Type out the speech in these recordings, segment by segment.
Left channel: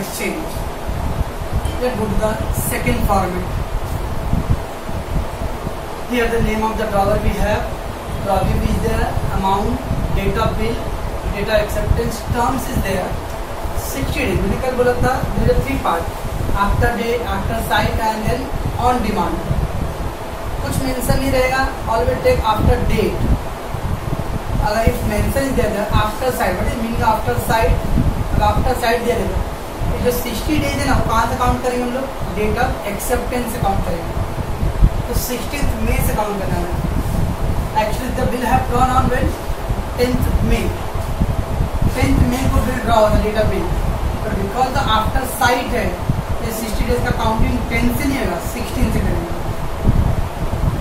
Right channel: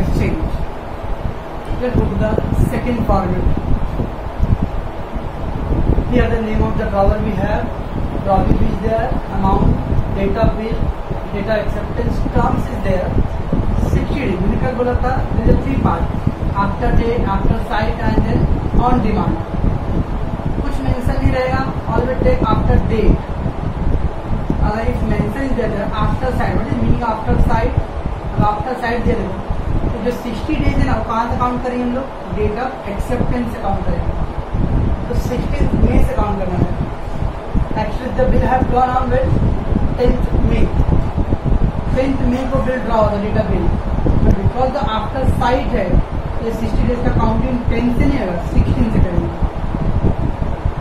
exchange. Let's go to the second format. Here the name of the drawer we have, drawer is there, amount, date of bill, data acceptance, terms is there. 60 days मैंने कल बोला था, there are 3 parts, after date, after site and then on demand. कुछ mention नहीं रहेगा, always take after date. अगर if mention is there after site, what is meaning after site? अगर after site दे देगा, तो जो 60 days है ना, कहाँ से काउंट करेंगे हम लोग? डेट ऑफ एक्सेप्टेंस से काउंट करेंगे. तो 16th May से काउंट करना है. Actually the bill have drawn on when 10th May. 10th May को बिल ड्रा होगा data bill, but because the after site है, ये 60 डेज का काउंटिंग 10 से नहीं होगा, 16 से करेंगे.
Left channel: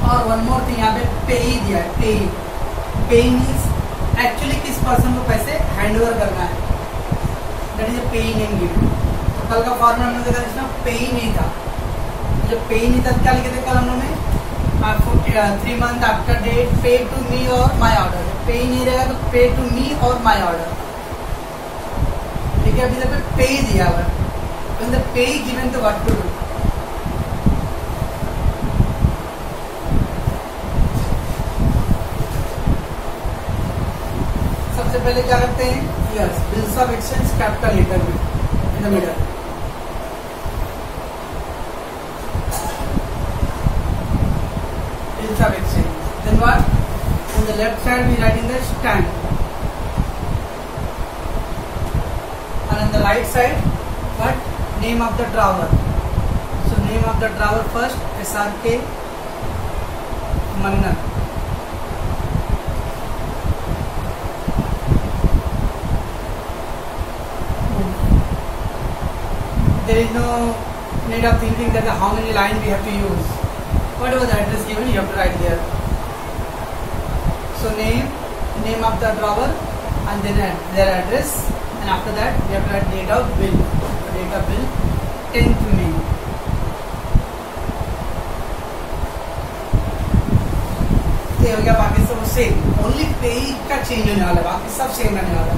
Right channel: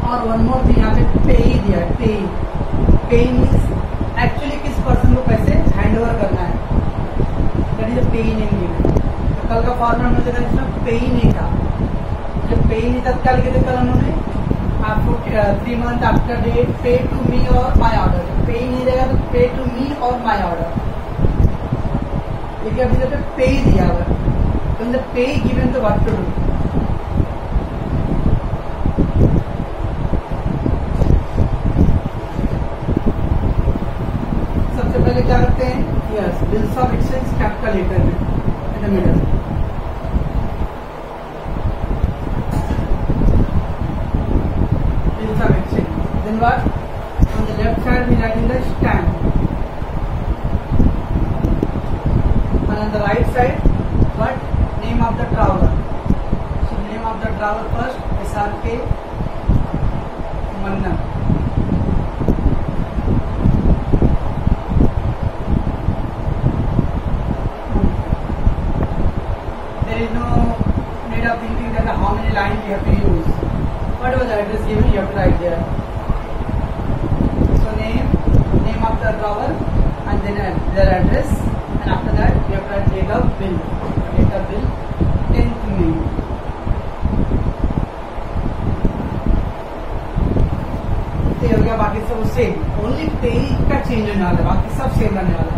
और वन मोर थिंग, यहाँ पे पे ही दिया है. पे मीन्स एक्चुअली किस पर्सन को पैसे हैंड ओवर करना है, दैट इज पे नेम गिवन. तो कल का फॉर्मूला हमने देखा जिसमें पे ही नहीं था. जब पे ही नहीं था क्या लिखे थे कल हम लोगों ने? आपको 3 मंथ आफ्टर डेट पे to me or my order. पे ही नहीं रहेगा तो pay to me or my order. देखिए अभी जब पे ही दिया हुआ है, तो in the pay given to what to do. सबसे पहले क्या करते हैं? Yes, bills of exchange capital letter में in the middle. Bills of exchange. Then what? On the left side we write in the stamp. And on the right side, what? Name of the drawer. So name of the drawer first, SRK Mannan. There is no need of thinking that how many lines we have to use. Whatever the address given, you have to write there. So name of the drawer, and then their address, and after that you have to write date of bill. Date of bill 10th May. तो हो गया. बाकी सब same, only pay का change होने वाला, बाकी सब सेम रहने वाला.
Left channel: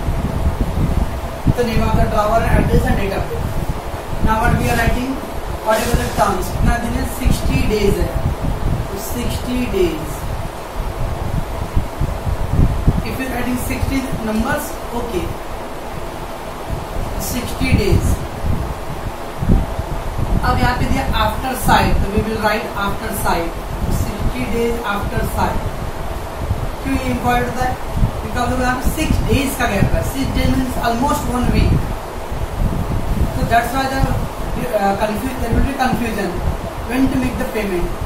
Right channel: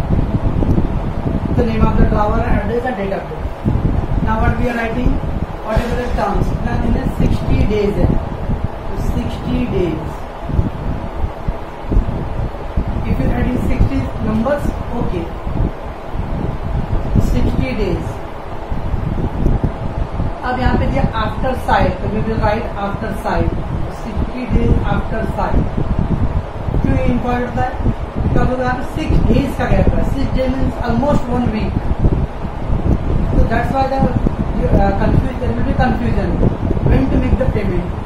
तो name of the drawer, address and date of bill. Now what we are writing, whatever the terms. कितना दिन है? 60 डेज है. 60 days. If you are adding 60 numbers, okay. 60 days. अब यहाँ पे दिया आफ्टर साइट, तो we will write after sight. 60 days after sight. क्यों ये इम्पोर्टेंट होता है? बिकॉज यहाँ पे 6 days का गैप है. 6 days means almost 1 week. So that's why the there will be confusion when to make the payment.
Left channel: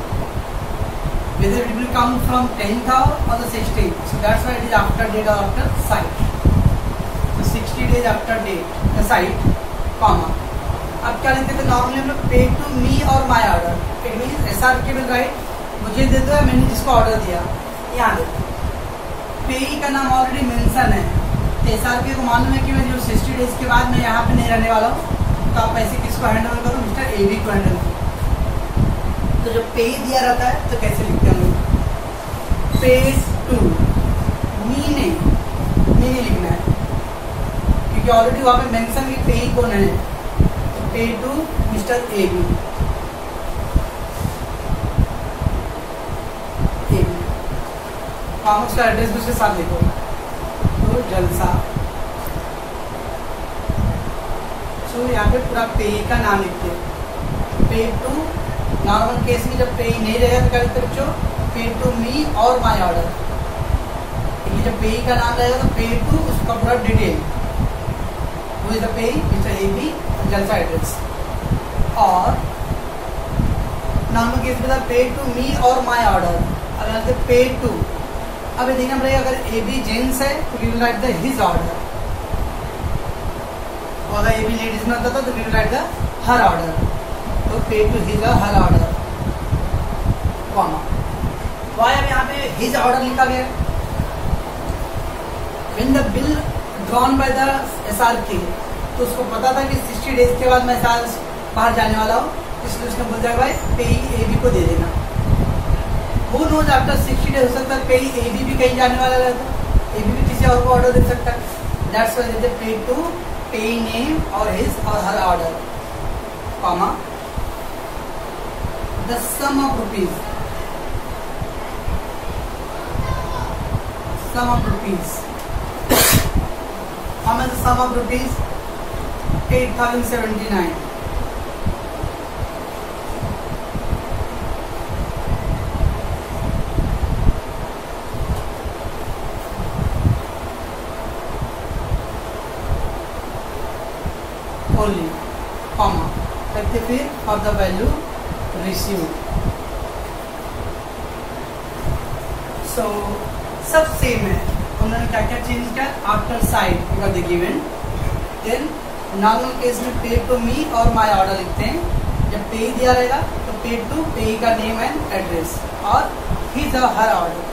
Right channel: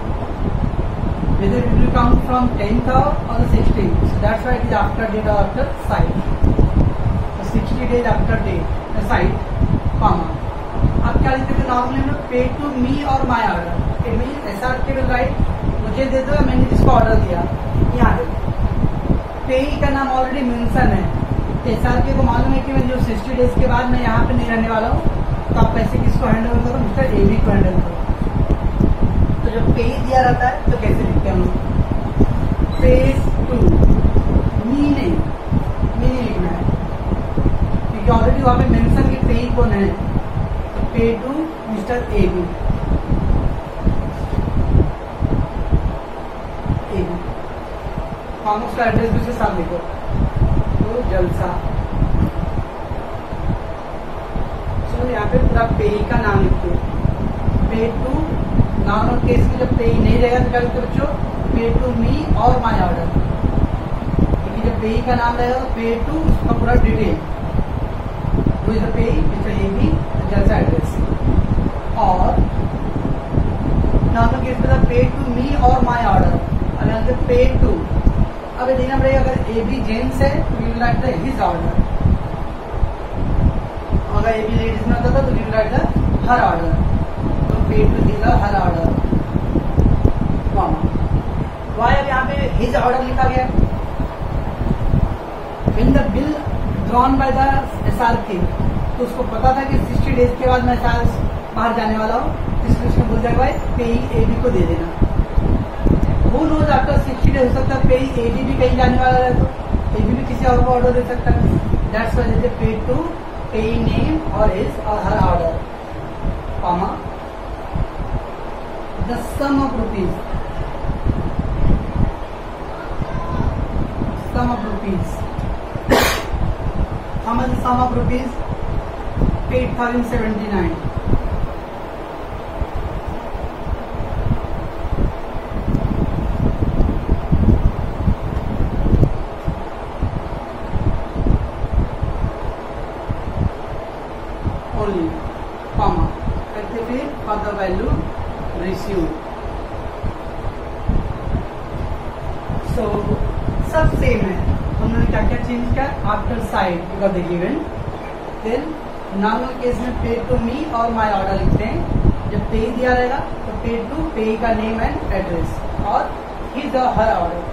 Whether it will come from 10th hour or the 16th. So that's why it is after date or after site. So 60 days after date, the site, comma. अब क्या लिखते थे? Normally हम लोग पे to me or my order. It means SRK will write, मुझे दे दो, मैंने जिसको ऑर्डर दिया. यहाँ देखो पे का नाम ऑलरेडी मेंशन है. तो SRK को मालूम है कि मैं जो 60 डेज के बाद मैं यहाँ पे नहीं रहने वाला हूँ, तो आप पैसे किसको हैंड ओवर करो? मिस्टर AB को हैंड ओवर करो. तो जब पे दिया रहता है तो कैसे लिखते हैं हम लोग? पे टू मी नहीं लिखना है, क्योंकि ऑलरेडी वहाँ पे मेंशन कि पे कौन है. तो pay to mister AB. Commerce का एड्रेस दूसरे साथ लिखो. तो जलसा. तो यहाँ पे पूरा पे का नाम लिखते हो. पे टू. नॉर्मल केस में जब पे नहीं रहेगा तो क्या लिखते बच्चों? पे to me or my order. जब पे का नाम रहेगा तो पे टू, उसका पूरा डिटेल, वो is the pay mister AB जलसा एड्रेस. और नॉर्मल केस में pay to me or my order. अगर पे टू, अब देखना पड़ेगा अगर AB जेंट्स है तो we will write the his order. और अगर AB लेडीज में आता था तो we will write the her order. तो पे टू हिज और हर ऑर्डर, कॉमा. वाई अब यहाँ पे हिज ऑर्डर लिखा गया है? When the bill drawn by the SRK, तो उसको पता था कि 60 डेज के बाद मैं बाहर जाने वाला हूँ, इसलिए उसने बोल दिया भाई पे AB को दे देना. वो नोज आफ्टर 60 डेज हो सकता है पे AB भी कहीं जाने वाला है, तो AB भी किसी और को ऑर्डर दे सकता है. दैट्स व्हाई दे पे to pay name or his or her order, comma, the sum of rupees, how much the sum of rupees? 8,079. only, comma, करते फिर for the value received. So सब सेम है, उन्होंने क्या क्या चेंज किया? After side you got the given, then normal case में pay to me or my order लिखते हैं. जब पे दिया रहेगा तो pay to pay name name and एड्रेस और हिज और her order.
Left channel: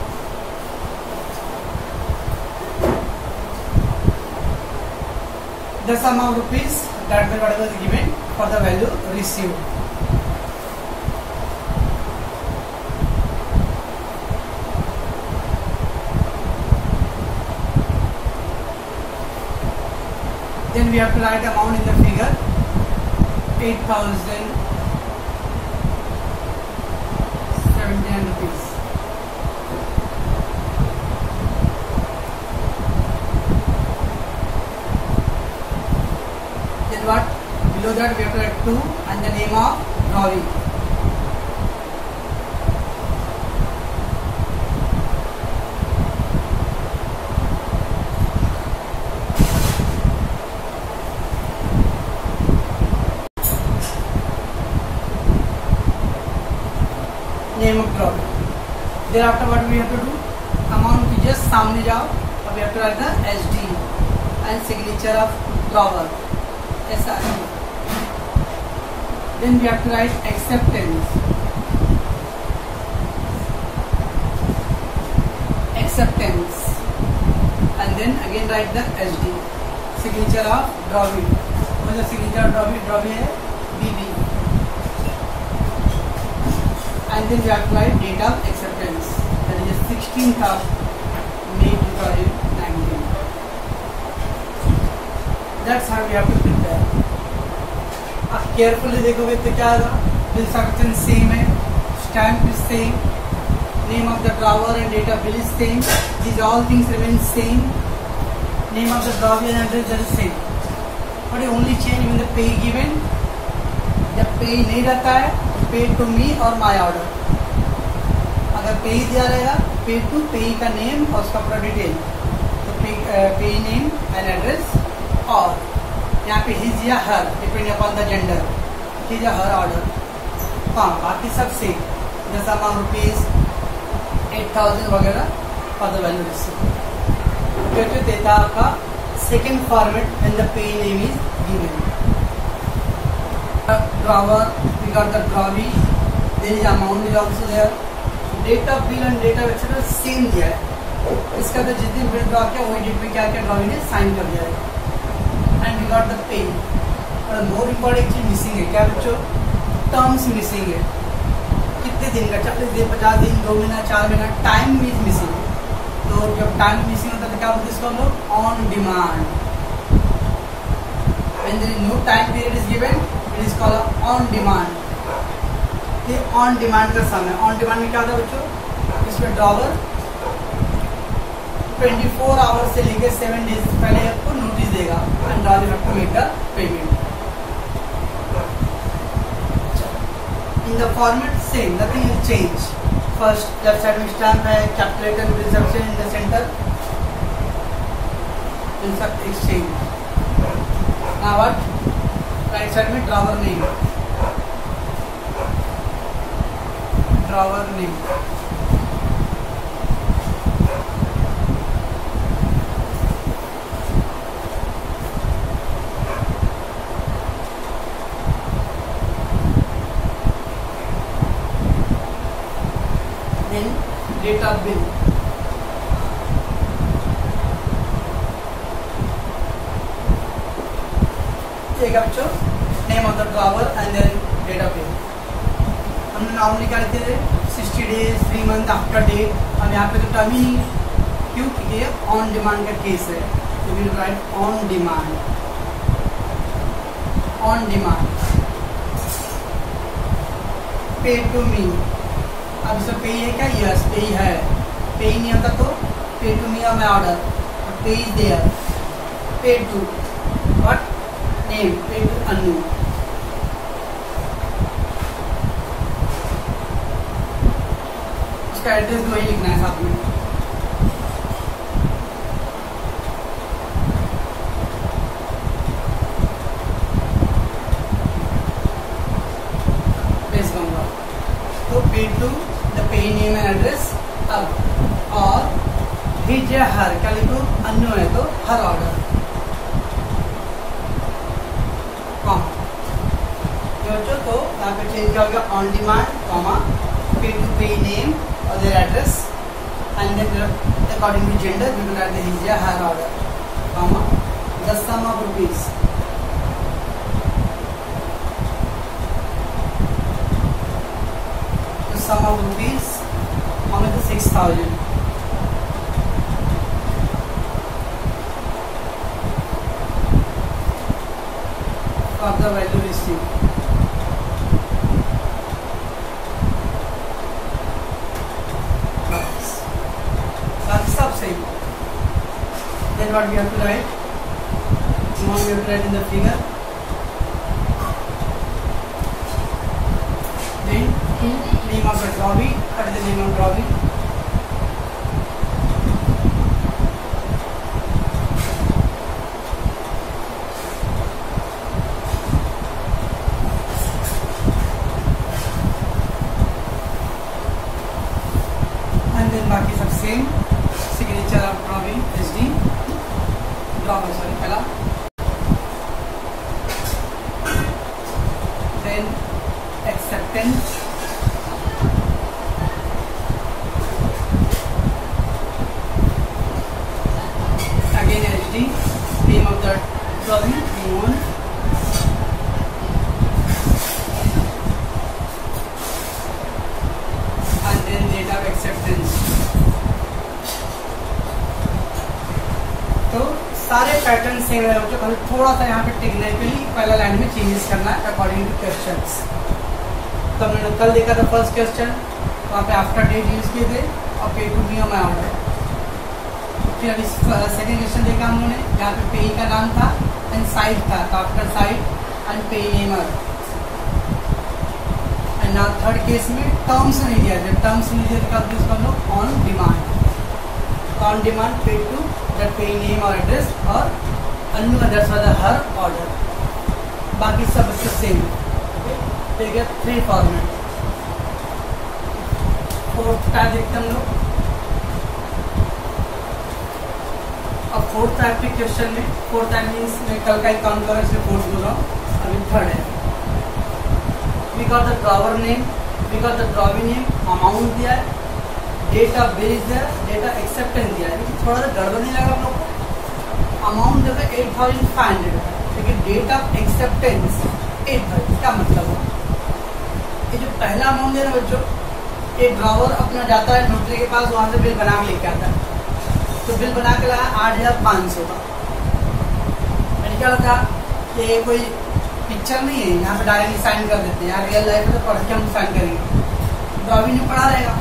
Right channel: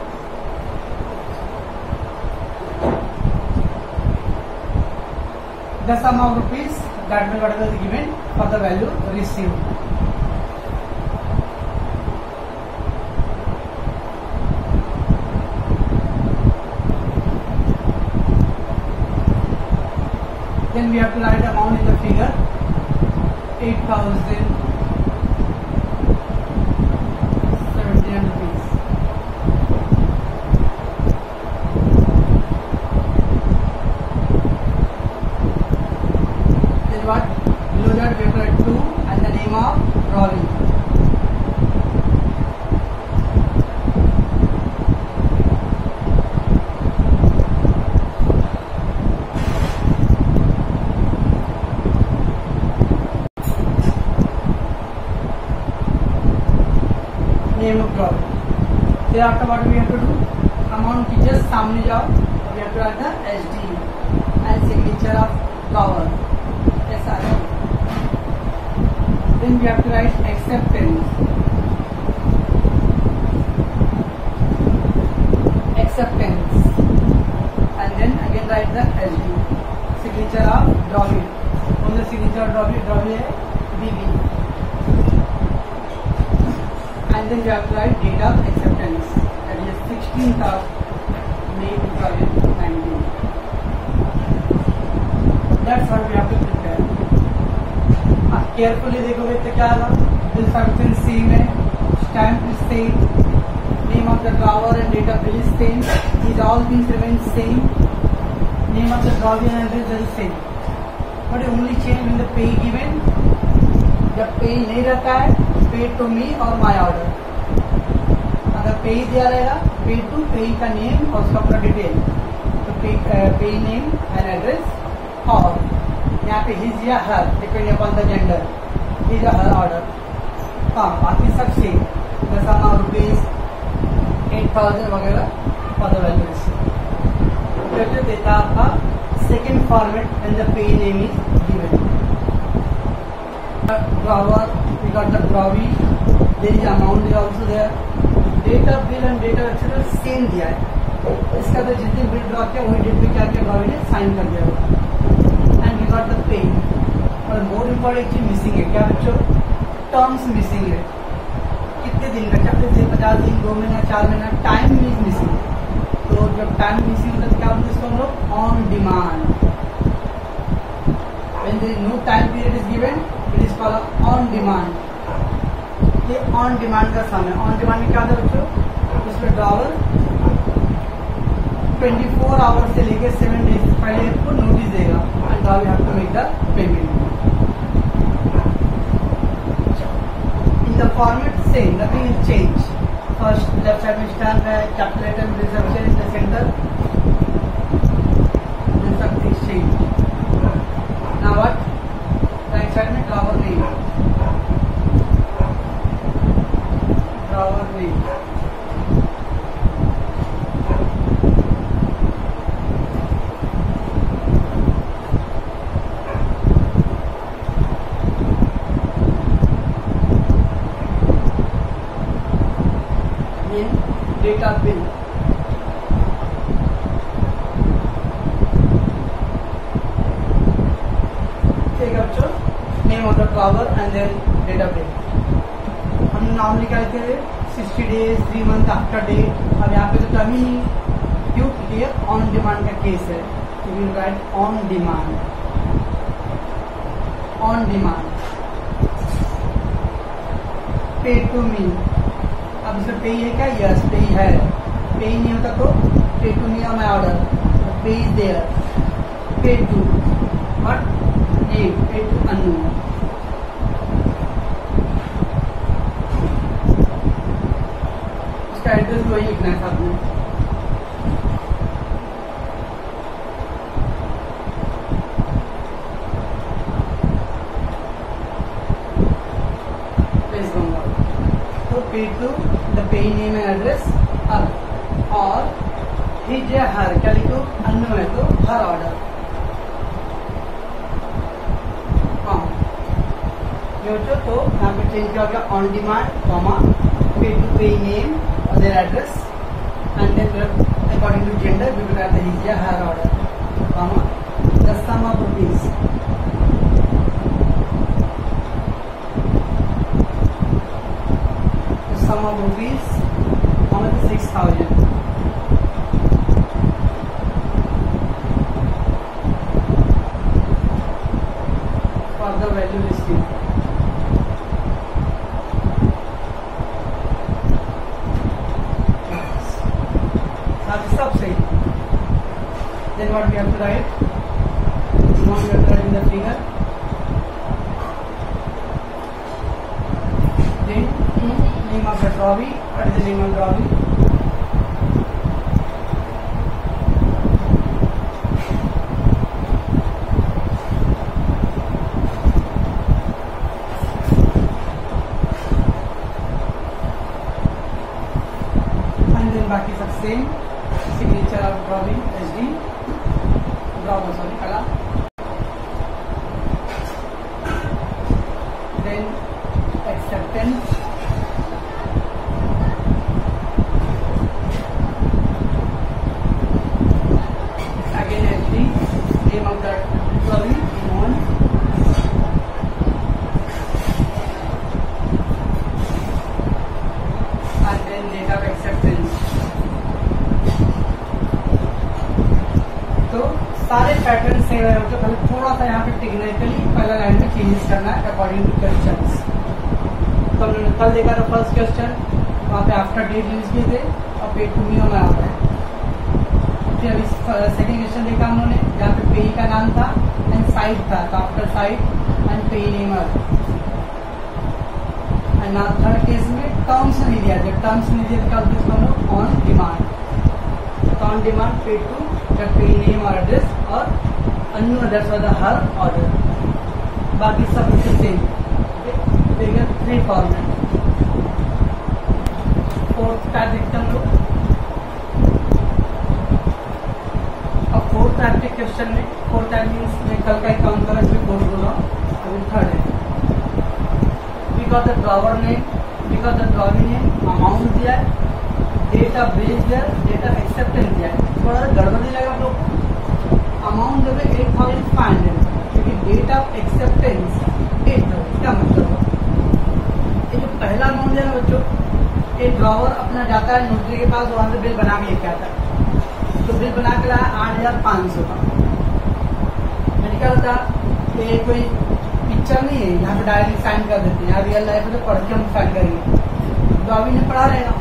The sum of rupees that will whatever is given for the value received. Then we have to write amount in the figure 8,079 rupees. What? Below that we have to write 2 and the name of drawing. Name of drawing. Thereafter what we have to do? Amount की just सामने जाओ और we have to write the SD and signature of drawer. Then we have to write acceptance. And then again write the SD. Signature of drawing. So the signature of drawing है BB. And then we have to write date of acceptance. That is 16th of May 2019. That's how we have to prepare. Carefully देखोगे तो क्या होगा? Bill servicing same है, stamp is same, name of the drawer and date of bill is same, these all things remain same, name of the drawer and address is same, but only change in the pay given. जब पे नहीं रहता है पे to me or my order. अगर पे दिया रहेगा पे टू पे का नेम और उसका पूरा डिटेल, तो पे नेम एंड एड्रेस और यहाँ पे हिज या her depend upon the gender, his या हर ऑर्डर. हाँ, बाकी सब सेम, जैसा अमाउंट रुपीज 8,000 वगैरह फॉर द वैल्यू रिसीव्ड. जो देता है आपका second format and the pay name is given. Drawer we got the drawee, there is amount is also there, date of bill and date of acceptance same दिया है. इसका तो जिस दिन बिल ड्रॉ किया वही डेट पे क्या क्या ड्रॉवी ने साइन कर दिया है. got the pay, और मोर इम्पोर्टेंट चीज मिसिंग है. क्या बच्चों? टर्म्स मिसिंग है. कितने दिन का? 40 दिन, 50 दिन, 2 महीना, 4 महीना, टाइम इज मिसिंग. तो जब टाइम मिसिंग होता है तो क्या बोलते हैं इसको हम लोग? On demand. When there is no time period is given it is called on demand. ये ऑन डिमांड का सम है. ऑन डिमांड में क्या होता है बच्चों? इसमें ड्रॉवर 24 आवर्स से लेकर 7 डेज पहले आपको नोटिस देगा and now you have to make the payment. In the format same, nothing will change. First left side में stamp है, capital letter will be in the center. Then सब exchange. Now what? Right side में drawer name. Drawer name. Date of bill. ठीक है बच्चों, name of the drawer and then date of bill. हमने normally क्या लिखते थे? 60 डेज, 3 मंथ आफ्टर डेट. अब यहाँ पे तो टर्म ही नहीं. क्यों? क्योंकि ये ऑन डिमांड का केस है. तो will write on demand. On demand, pay to मी। अब इसमें पे है क्या? यस पे है। पे नहीं होता तो pay to me or my order, pay is there. Pay to what name, pay to Anu. उसका एड्रेस वही लिखना है साथ में। तो pay to the pay name and address अब, और हिज या हर, क्या लिखो? अनु है तो हर ऑर्डर, तो यहाँ पे चेंज क्या हो गया? On demand comma pay to pay name और their address and according to gender we will write the his या her order comma the sum of rupees. Sum of rupees, how much? 6,000. For the value received. That's सब सही। Then what we have to write? Now we have to write in the figure. Then name of the drawing, what is the name of drawing? And then बाकी सब same. Signature of drawing SD drawer, sorry पहला। Then acceptance, name of the drawing known, and then date of acceptance। तो सारे pattern same है, थोड़ा सा यहाँ पे टेक्निकली पहला लाइन में चेंजेस करना है अकॉर्डिंग टू क्वेश्चंस। तो हमने कल देखा था फर्स्ट क्वेश्चन, वहाँ पे आफ्टर डेट यूज किए थे और पे to me or my order. फिर अभी सेकेंड क्वेश्चन देखा हम लोगों ने, जहाँ पे पेई का नाम था एंड साइट था, तो आफ्टर साइट एंड पेई Neymar. And now third case में टर्म्स नहीं दिया, जब टर्म्स नहीं दिया तो हम लोग on demand, on demand pay to the पेई नेम और एड्रेस और अनु अदर्स वाला हर ऑर्डर। बाकी सब इसका सेम। ठीक है, 3 फॉर्मेट। फोर्थ का देखते हम लोग। अब फोर्थ टाइप के क्वेश्चन में, फोर्थ टाइप मीन्स मैं कल का ही काउंट कर रहा हूँ इसलिए फोर्थ बोल रहा हूँ, अभी थर्ड है। We got the drawer name, we got the drawing name, amount दिया है, डेट ऑफ बिल दिया है, डेट ऑफ एक्सेप्टेंस दिया है। थोड़ा सा गड़बड़ नहीं लगा आप लोग को? अमाउंट जो है 8,500, लेकिन डेट ऑफ एक्सेप्टेंस 8,000। क्या मतलब? ये जो पहला अमाउंट है ना बच्चों, ये ड्रॉवर अपना जाता है नोटरी के पास, वहाँ से बिल बना के लेके आता है। तो बिल बना के लाया 8,500 का। मैंने क्या था, ये कोई पिक्चर नहीं है यहाँ पे डायरेक्टली साइन कर देते हैं, यहाँ रियल लाइफ में पढ़ के हम साइन करेंगे। ड्रॉविंग ने पढ़ा रहेगा,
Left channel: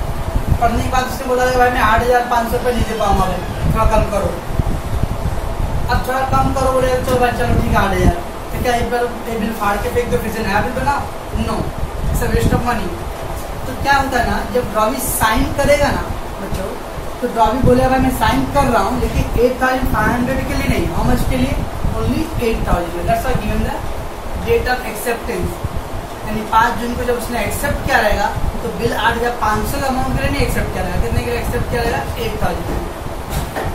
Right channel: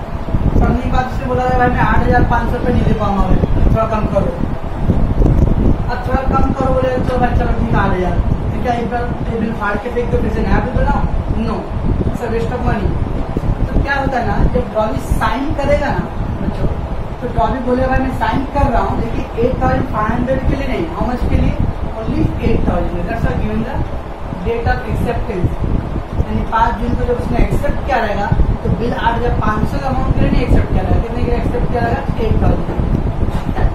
पढ़ने के बाद उसने बोला भाई मैं 8,500 रुपये नहीं दे पाऊंगा, भाई थोड़ा कम करो। अब थोड़ा कम करो, बोले तो भाई चलो ठीक है 8,000। तो क्या ये बिल फाड़ के फेंक दो, फिर से नया बिल बनाओ? No, it's a waste of money. तो क्या होता है ना, जब ड्रॉविंग साइन करेगा ना बच्चों, तो ड्रॉविंग बोलेगा भाई मैं साइन कर रहा हूँ, लेकिन 8,500 के लिए नहीं। हाउ मच के लिए? Only 8,000। That's why given the date of acceptance, यानी 5 जून को जब उसने एक्सेप्ट किया रहेगा तो बिल 8,500 का अमाउंट के लिए नहीं एक्सेप्ट किया रहेगा। कितने के लिए एक्सेप्ट किया रहेगा? 8,000।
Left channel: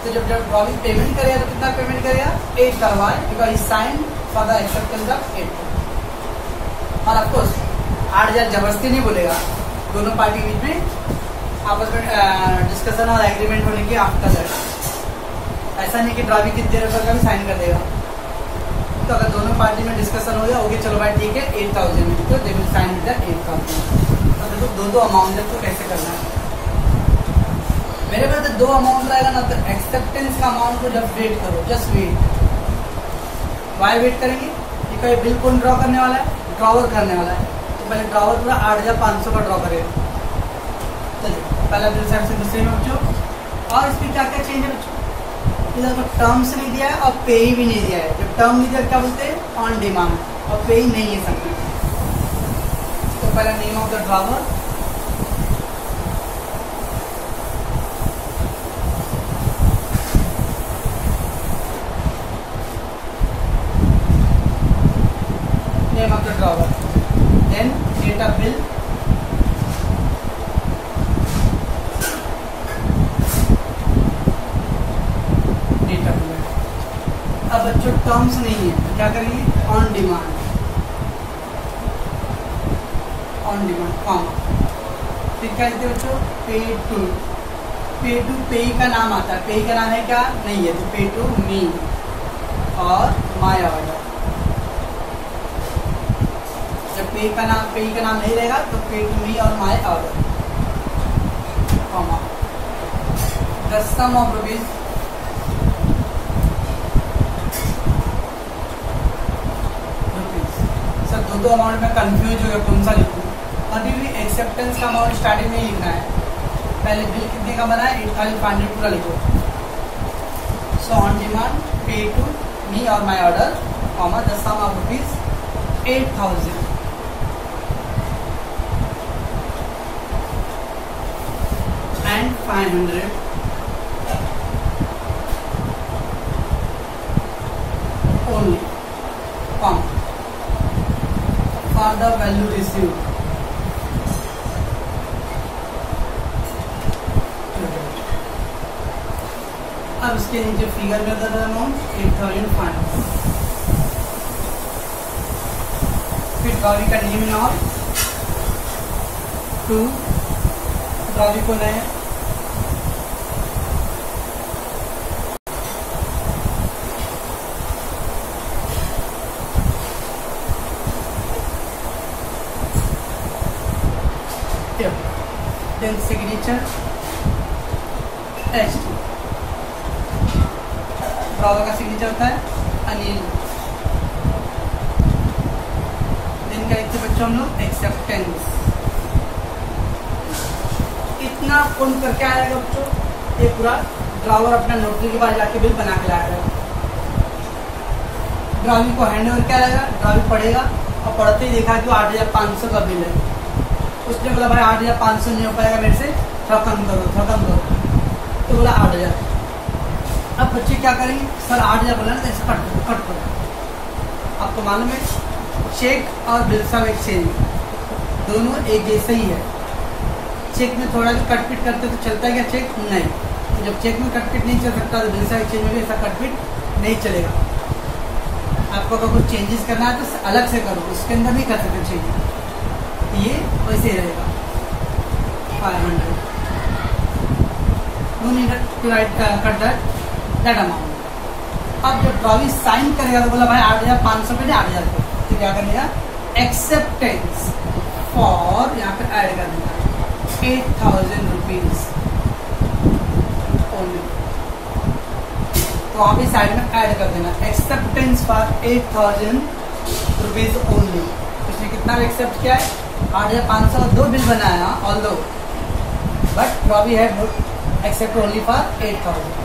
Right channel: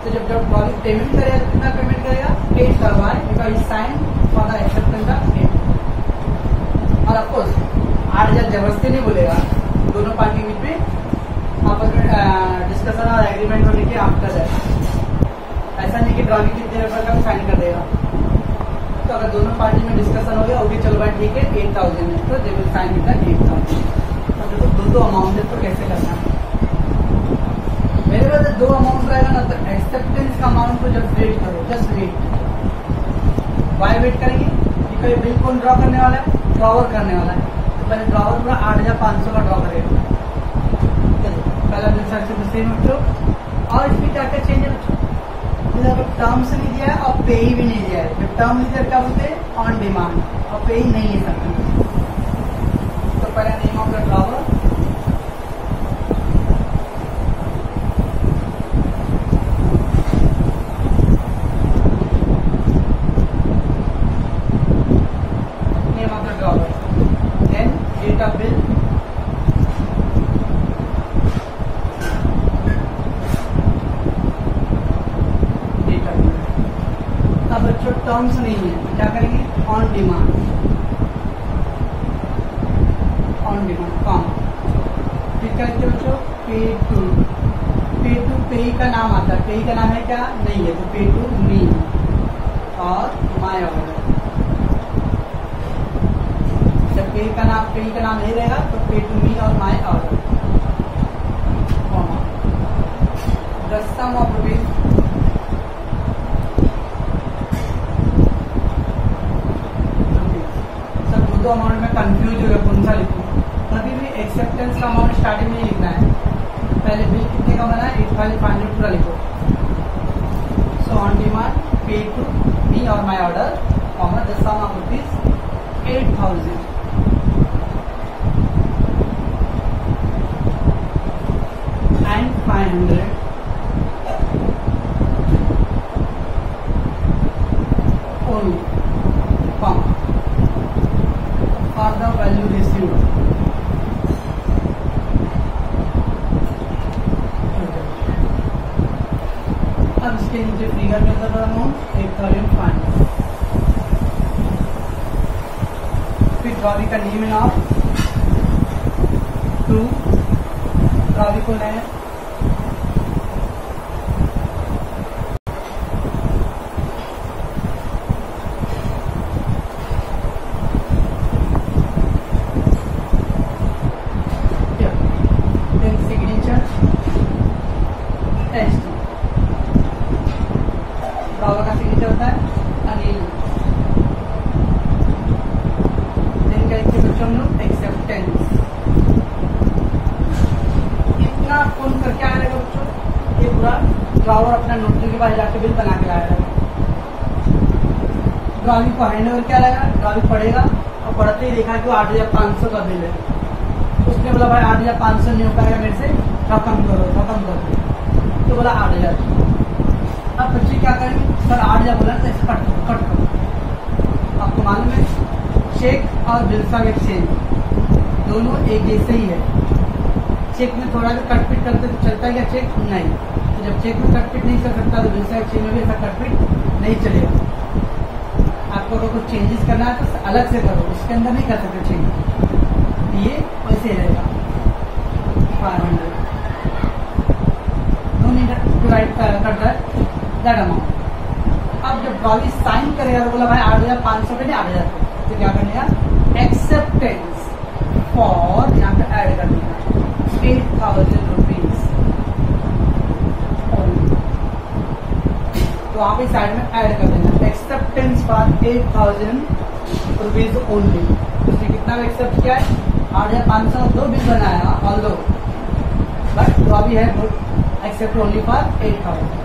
तो जब ड्रॉविंग पेमेंट करेगा तो कितना पेमेंट करेगा? 8,000, because he sign for the acceptance of 8। और ऑफकोर्स 8,000 जबरदस्ती नहीं बोलेगा, दोनों पार्टी के बीच में आपस में डिस्कशन और एग्रीमेंट होने की आफ्टर दैट। ऐसा नहीं कि ड्रॉविंग कितने रुपये का भी साइन कर देगा। तो अगर दोनों पार्टी में डिस्कशन हो गया होगी, चलो भाई ठीक है 8,000 में, तो they will sign with the 8,000। तो देखो दो अमाउंट है, तो कैसे करना है? मेरे पास तो 2 अमाउंट रहेगा ना, तो एक्सेप्टेंस का अमाउंट को जब वेट करो, जस्ट वेट। वाई वेट करेंगे? का ये बिल कौन ड्रॉ करने वाला है? ड्रॉवर करने वाला है। तो पहले ड्रॉवर पूरा 8,500 का ड्रॉ करेगा। चलिए पहला बिल साइड से दूसरे में बच्चों। और इसमें क्या क्या चेंज है बच्चों? इधर पर टर्म्स नहीं दिया है और पे भी नहीं दिया है। जो टर्म नहीं दिया क्या बोलते हैं? ऑन डिमांड, और पे नहीं है सब में। तो पहला name of the drawer, name of the drawer, then data bill, data bill। अब बच्चों टर्म्स नहीं है तो क्या करेंगे? On demand, on demand comma, फिर क्या लिखते बच्चों? पे टू। पे टू पे का नाम आता है। पे का नाम है क्या? नहीं है, तो pay to me or my order. पे का नाम नहीं रहेगा तो pay to me or my order, comma, the sum of rupees, sir दो अमाउंट में कंफ्यूज हो गया कौन सा लिखूं। कभी भी एक्सेप्टेंस का अमाउंट स्टार्टिंग में नहीं लिखना है, पहले बिल कितने का बना है 8,500 पूरा लिखो। So on demand pay to me or my order, comma, the sum of rupees 8,000 and 500 only, comma, for the value received। अब इसके नीचे फिगर में था अमाउंट 8,500। फिर ड्रॉवी का name and all to, drawee कौन है? then signature H, ड्रॉवर का सिग्नेचर होता है अनिल। then क्या लिखते बच्चों हम लोग? एक्सेप्टेंस। कितना कौन करके आ जाएगा बच्चों? ये पूरा ड्रॉवर अपना नोटरी के पास जाके बिल बना के लाएगा। ड्रॉवी को हैंड ओवर क्या लगेगा? ड्रॉवी पढ़ेगा और पढ़ते ही देखा कि वो 8,500 का बिल है। उसने बोला भाई 8,500 नहीं हो पाएगा मेरे से, थोड़ा कम करो। तो बोला 8,000। अब बच्चे क्या करेंगे? सर 8,000 बोला ना, ऐसे कट करो। आपको मालूम है चेक और बिल्स ऑफ एक्सचेंज दोनों एक जैसे ही है। चेक में थोड़ा भी कटपिट करते तो चलता है क्या चेक? नहीं। तो जब चेक में कटपिट नहीं चल सकता तो बिल्स ऑफ एक्सचेंज में भी ऐसा कटपिट नहीं चलेगा। आपको अगर कुछ चेंजेस करना है तो अलग से करो, उसके अंदर नहीं कर सकते चेंज। ये वैसे ही रहेगा 500। No need to write cut that amount. अब जब ड्रॉवी साइन करेगा तो बोला भाई 8,500 पे नहीं 8,000 पे, तो क्या करेगा? एक्सेप्टेंस फॉर, यहाँ पे ऐड कर देगा 8,000 रुपीज ओनली। तो वहाँ पे साइड में ऐड कर देना एक्सेप्टेंस फॉर 8,000 रुपीज ओनली। उसने कितना एक्सेप्ट किया है? 8,500 दो बिल बनाया ऑल दो, बट ड्रॉवी है एक्सेप्ट ओनली फॉर 8,000।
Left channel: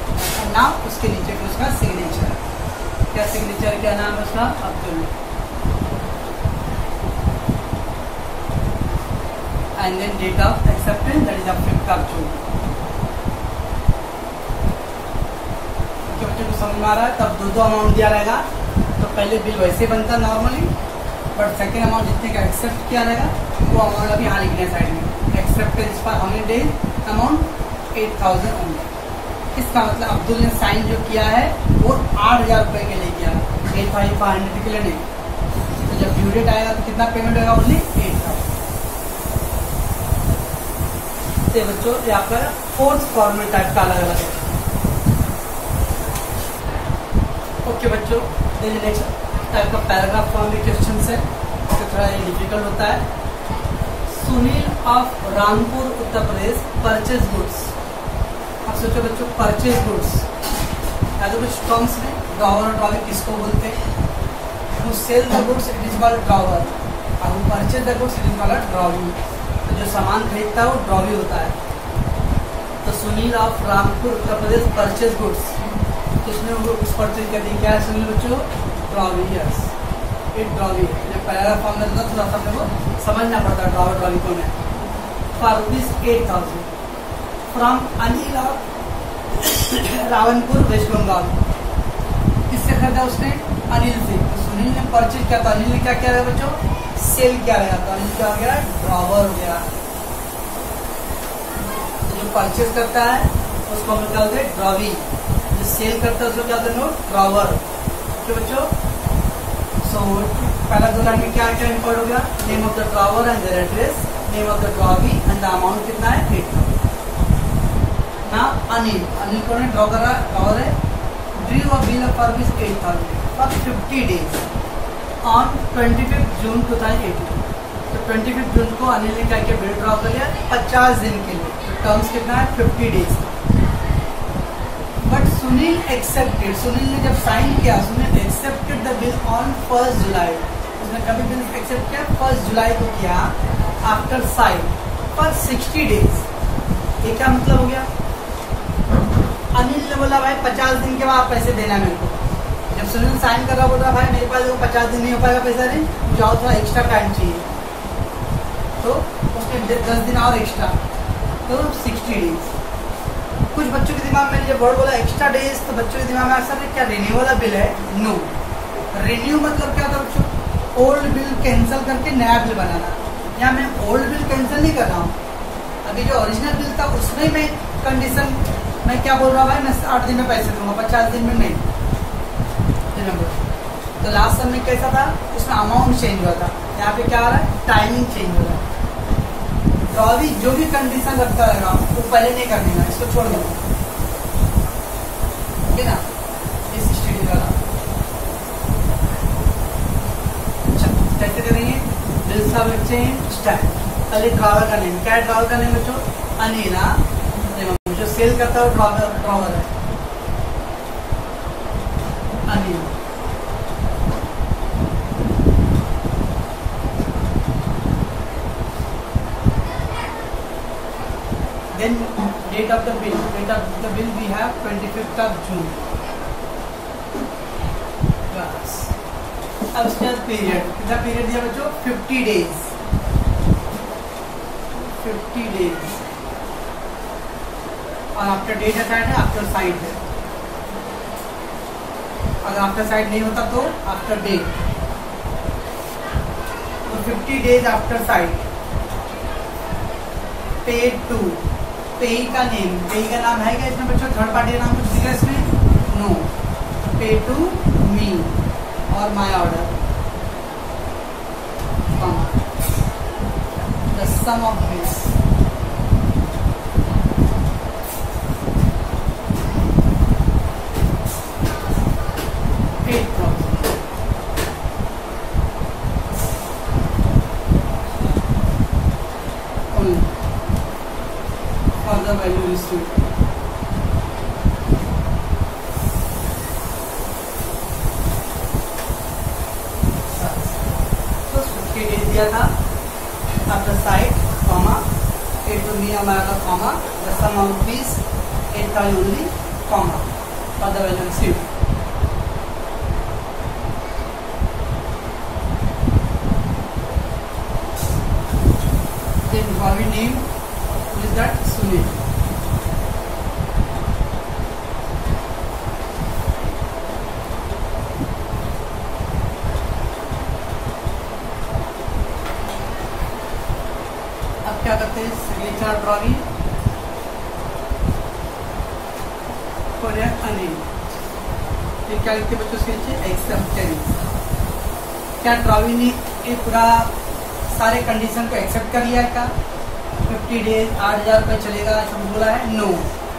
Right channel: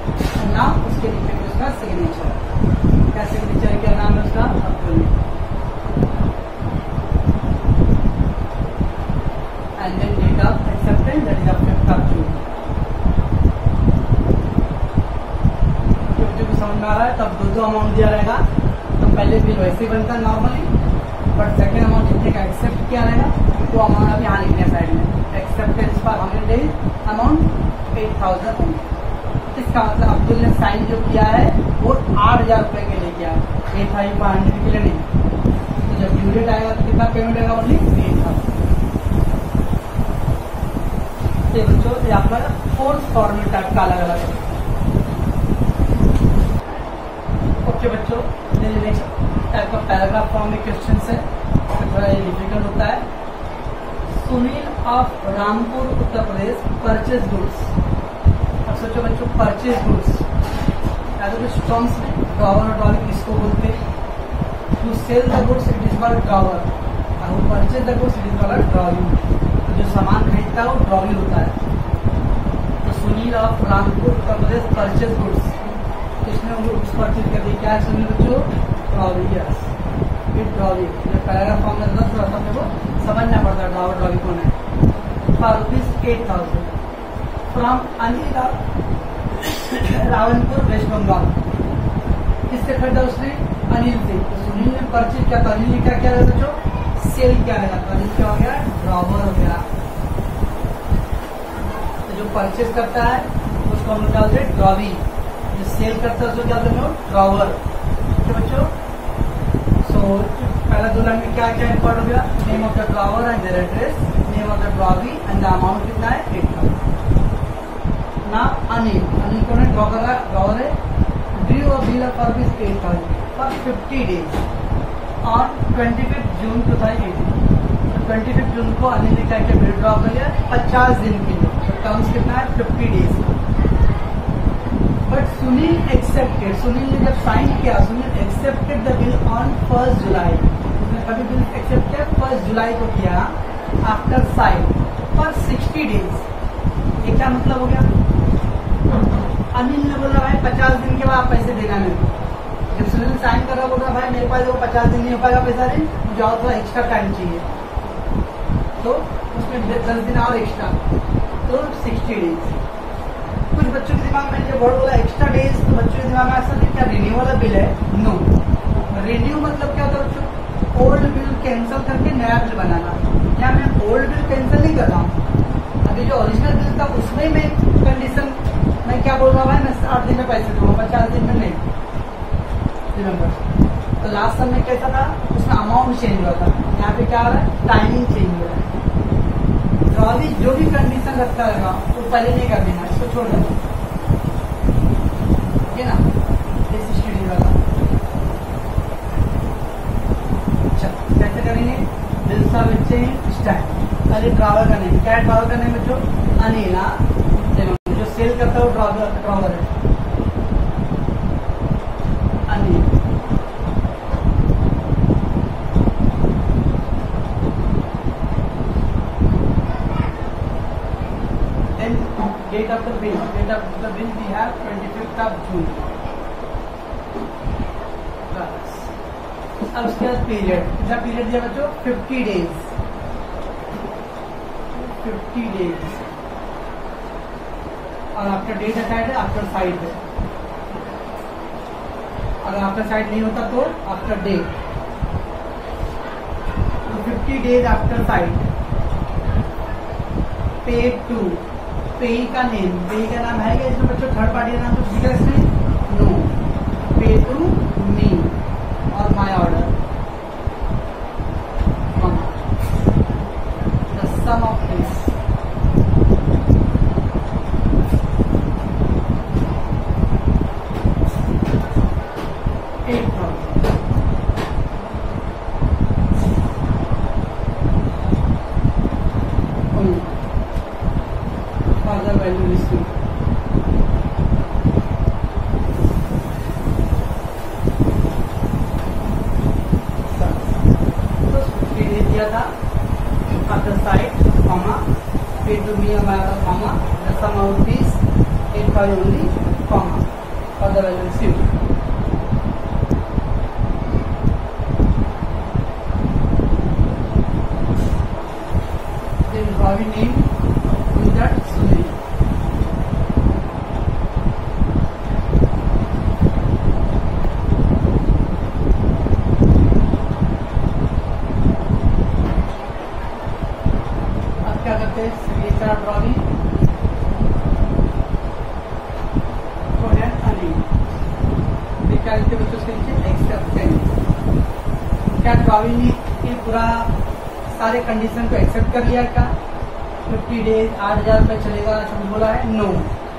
नाम उसके नीचे भी उसका सिग्नेचर, क्या सिग्नेचर क्या नाम है उसका? Abdul. And then date of acceptance that is 5th of June। बच्चों को समझ में आ रहा है? तब दो अमाउंट दिया रहेगा, तो पहले बिल वैसे बनता नॉर्मली, बट सेकेंड अमाउंट जितने का एक्सेप्ट किया रहेगा वो अमाउंट अभी यहाँ लिखना है साइड में। Acceptance for how many days? Amount 8,000 only. इसका मतलब अब्दुल ने साइन जो किया है वो 8,000 रुपये के लिए किया, 8,500 के लिए नहीं। तो जब ड्यू डेट आएगा तो कितना पेमेंट होगा? ओनली 8,000। तो बच्चों ये आपका फोर्थ फॉर्मेट टाइप का अलग अलग है। ओके बच्चों, नेक्स्ट टाइप का पैराग्राफ फॉर्म में क्वेश्चन है, तो थोड़ा ये डिफिकल्ट होता है। Sunil of Rampur Uttar Pradesh purchase goods. अब सोचो बच्चों परचेज गुड्स या तो कुछ टर्म्स में ड्रॉवर और ड्रॉवी किसको बोलते हैं? who sell the goods it is called drawer, और who purchase the goods it is called drawing। तो जो सामान खरीदता है वो ड्रॉवी होता है। तो Sunil of Rampur Uttar Pradesh purchase goods, किसने वो गुड्स परचेज कर दी? क्या है सुनील बच्चों? ड्रॉवी। Yes, it drawee. जब पैराग्राफ फॉर्म में रहता थोड़ा सा हमने वो समझना पड़ता है ड्रॉवर ड्रॉवी कौन है। For ₹8,000 from Anil Ravanpur west Bengal. किससे खरीदा उसने? अनिल से। तो सुनील ने परचेज किया, तो अनिल ने क्या किया बच्चों? सेल किया गया। तो अनिल क्या हो गया? ड्रॉवर हो गया। तो जो परचेज करता है उसको हम क्या बोलते हैं? ड्रॉवी। जो सेल करता है उसको क्या बोलते हैं? ड्रॉवर। तो बच्चों सो पहला दो लाइन में क्या क्या इंपॉर्ट हो गया? Name of the drawer and their address, name of the drawee and the amount कितना है? 8,000। ना अनिल कौन है? ड्रॉवर है। Drew a bill of service 8,000 for 50 days on 25 June 2018। तो 25 जून को अनिल ने क्या किया? बिल ड्रॉ कर लिया 50 दिन के लिए। तो टर्म्स कितना है? 50 days. But Sunil accepted, Sunil ने जब साइन किया, Sunil accepted the bill on 1 July. उसने कभी बिल एक्सेप्ट किया? 1 जुलाई को किया। After sign for 60 days. ये क्या मतलब हो गया? अनिल ने बोला भाई 50 दिन के बाद पैसे देना मेरे को। जब सुनील साइन कर रहा बोल रहा भाई मेरे पास वो 50 दिन नहीं हो पाएगा पैसा नहीं, जाओ थोड़ा एक्स्ट्रा टाइम चाहिए। तो उसने 10 दिन और एक्स्ट्रा, तो 60 डेज। कुछ बच्चों के दिमाग में जब वर्ड बोला एक्स्ट्रा डेज, तो बच्चों के दिमाग में ऐसा नहीं क्या रिन्यू वाला बिल है? नो। रिन्यू मतलब क्या होता है बच्चों? ओल्ड बिल कैंसिल करके नया बिल बनाना। या मैं ओल्ड बिल कैंसिल नहीं कर रहा हूँ, अभी जो ओरिजिनल बिल था उसमें मैं कंडीशन मैं क्या बोल रहा हूँ? मैं 60 दिन में पैसे दूंगा, 50 दिन में नहीं। रिमेंबर, तो लास्ट समय कैसा था? उसमें अमाउंट चेंज हुआ था। यहाँ पे क्या हो रहा है? टाइमिंग चेंज हो रहा है। ड्रॉवी जो भी कंडीशन रखता रहेगा वो पहले नहीं कर देना, इसको छोड़ दो, ठीक है ना? इस स्टडी वाला अच्छा कैसे करेंगे? Bills of exchange stack. पहले ड्रॉवर का नेम क्या है? ड्रॉवर का नेम बच्चों अनिला। जो सेल करता है वो ड्रॉवर है Anil. Then date of the bill. Date of the bill we have 25th of June. बस अब उसके बाद पीरियड, कितना पीरियड दिया बच्चों? 50 डेज। 50 डेज और आफ्टर डेट साइड है, आफ्टर साइड है। अगर आफ्टर साइड नहीं होता तो आफ्टर डेट। तो 50 days after side. Paid to, payee का नेम, पेई का नाम है क्या इसमें बच्चों? थर्ड पार्टी का नाम कुछ दिख रहा है इसमें? नो। पे to me or my order, the sum of this. Further value received. तो 50 डेज दिया था after side comma pay to me हमारा comma the sum of this 8,000 only comma for the value received. Then Ravi name is that Sunil. अब क्या करते हैं? Signature of Ravi for Anil. ये क्या लिखते बच्चों? उसके नीचे एक्सेप्टेंस। क्या रवि ने ये पूरा सारे कंडीशन को एक्सेप्ट कर लिया क्या? 50 डेज 8,000 रुपये चलेगा ऐसा बोला है? नो।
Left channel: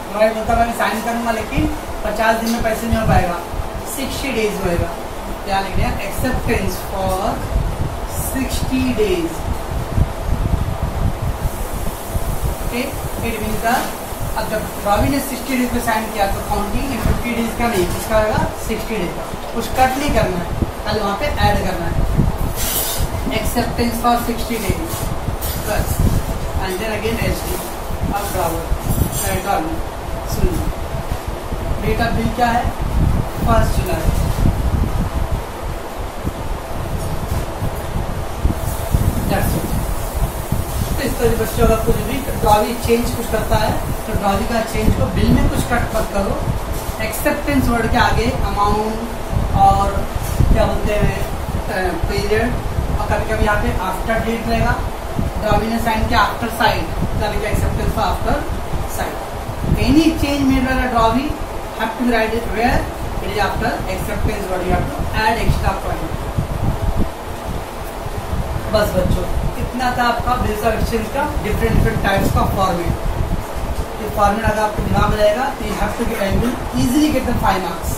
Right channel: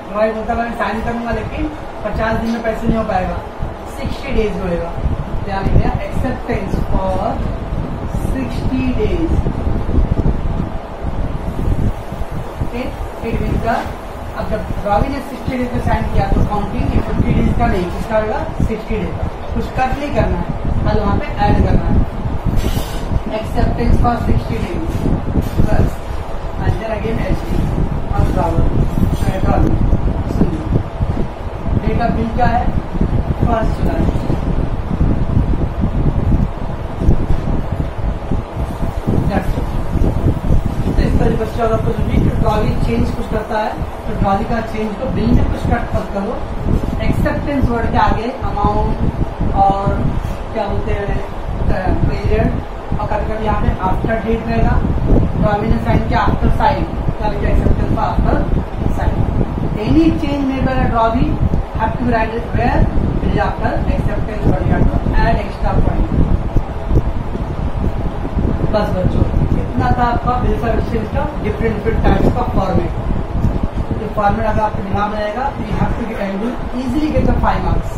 ड्राइव होता मैं साइन करूंगा लेकिन 50 दिन में पैसे नहीं हो पाएगा, 60 डेज होएगा। क्या लिख दिया? Acceptance for 60 days. Okay, it means अब जब रवि ने 60 डेज में साइन किया तो काउंटिंग 50 डेज का नहीं, किसका होगा? 60 डेज का। कुछ कट नहीं करना है, कल वहाँ पे ऐड करना है। Acceptance for 60 days plus and then again एचडी अब ट्रैवल सुन। डेट ऑफ बिल क्या है 1 जुलाई। तो इस तरह बच्चों अगर कुछ भी ट्रॉली चेंज कुछ करता है तो ट्रॉली का चेंज को बिल में कुछ कट मत करो। एक्सेप्टेंस वर्ड के आगे अमाउंट और क्या बोलते हैं पीरियड और कभी कभी यहाँ पे आफ्टर डेट रहेगा। ट्रॉली ने साइन किया आफ्टर साइन यानी कि acceptance for after sign. Any change made by the trolley have to write it where it is after acceptance word. You have to add extra point. बस बच्चों इतना था आपका बिल्स ऑफ एक्सचेंज का different types का format. ये format अगर आपको दिमाग में रहेगा तो you have to easily get the 5 marks.